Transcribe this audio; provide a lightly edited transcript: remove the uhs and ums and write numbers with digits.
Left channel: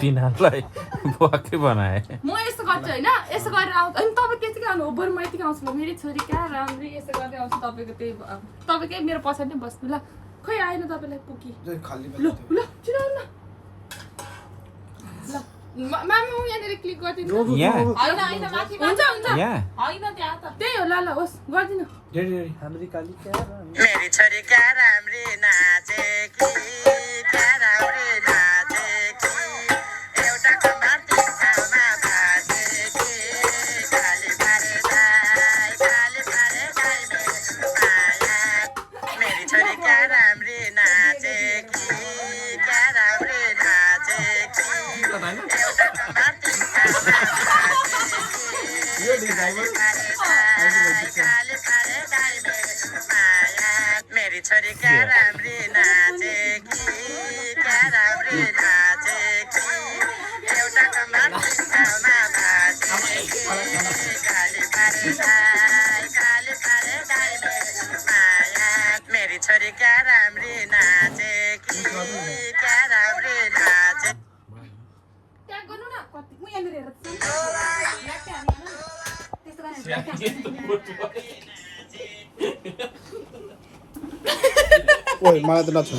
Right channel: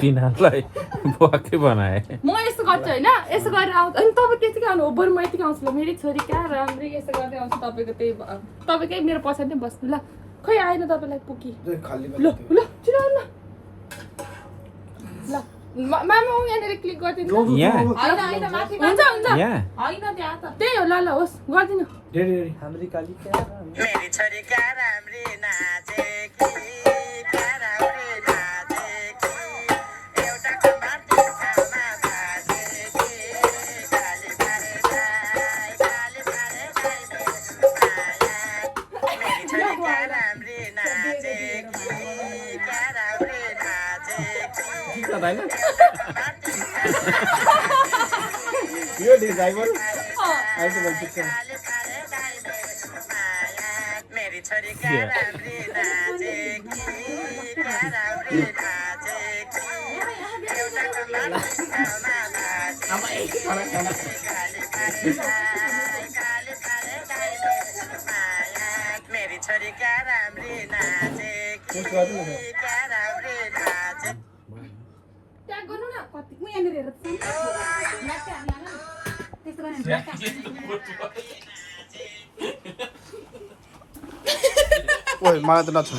तिनीहरूलाई वाक्कै बनाए म यस्तो गर्छु होइन यसो गरेर आउँछु अनि तपाईँ त्यतिकै आउनु हो बरु म यतिकै आउँछु ल मेरी छोरी क्या राम्री यसो गर्दै आउँछु तपाईँको त्यही तपाईँकै मेरो पछाडि नै बस्नु ल खोइ आएन तपाईँलाई पुगी ल ल छिटो आउनु ल मामा यहाँनिर क्लिक गरिदिनु यहाँ हुन्छ हुन्छ यहाँ त्यही हो ल ल होस् गरिदिनु मेरी छोरी क्या राम्री नाचेकी क्या राम्री नाचेकी एउटा कम्मर तिखामा भाँचेकी काली पारे गाई मेरी छोरी क्या राम्री नाचेकी क्या राम्री नाचेकी एउटा कम्मर मेरी छोरी क्या राम्री नाचेकी क्या राम्री नाचेकी एउटा कम्मर तिखामा भाँचेकी काली पारे गाई मेरी छोरी क्या राम्री नाचेकी क्या राम्री नाचेकी ट्याग गर्नु न कति म यहाँनिर हेरेर ओइ मलाई त नछोड